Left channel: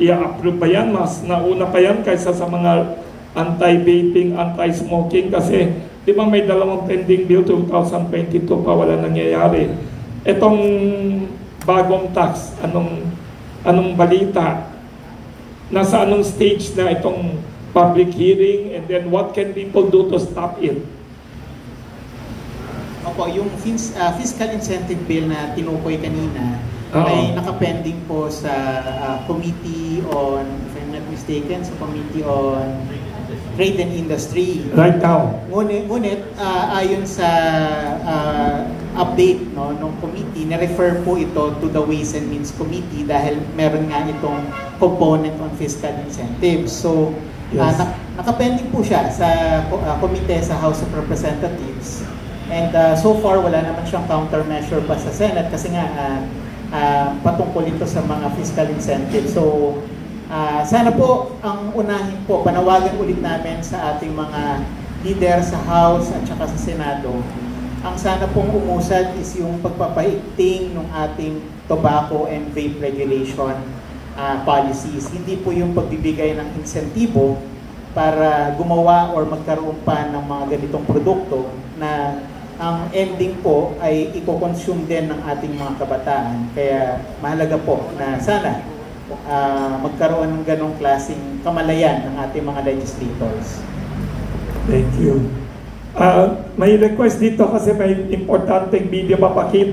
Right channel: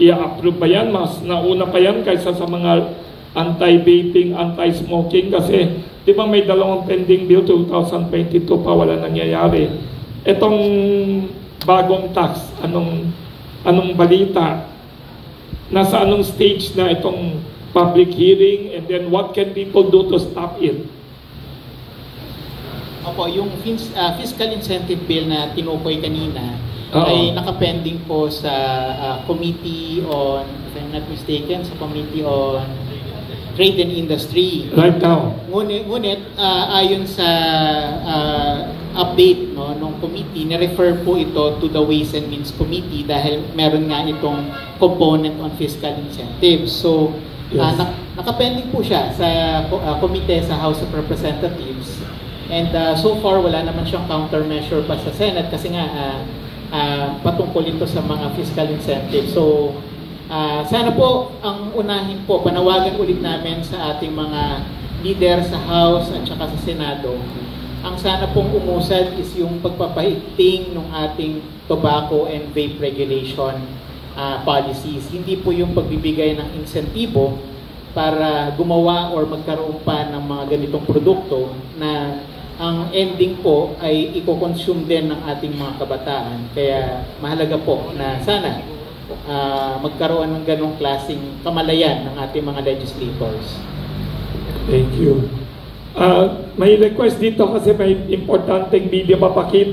i-approve ba yan? Mas nauna pa yan kaysa sa mga anti-vaping, anti-smoking kasi di ba may dalawang pending bill 2022 pa wala nangyayari. Itong bagong tax, anong balita? Nasa anong stage na itong public hearing, and then what can people do to stop it? Opo, yung fiscal incentive bill na tinukoy kanina ay nakapending po sa Committee on, if I'm not mistaken, sa Committee on Trade and Industry. Right now. Ngunit ayon sa update ng committee, na-refer po ito to the Ways and Means Committee dahil meron nga itong component on fiscal incentives. So, yes, nakapending po siya sa komite sa House of Representatives. And so far, wala naman siyang countermeasure pa sa Senate kasi nga patungkol ito sa mga fiscal incentives. So, sana po ang unahin po, panawagan ulit namin sa ating mga leader sa House at saka sa Senado. Ang sana pong umusad is yung pagpapaigting ng ating tobacco and vape regulation policies. Hindi po yung pagbibigay ng insentibo para gumawa or magkaroon pa ng mga ganitong produkto na ang ending po ay i-consume din ng ating mga kabataan. Kaya mahalaga po na sana magkaroon ng ganong klaseng kamalayan ng ating mga legislators. Thank you. May request dito kasi may importanteng video papakita.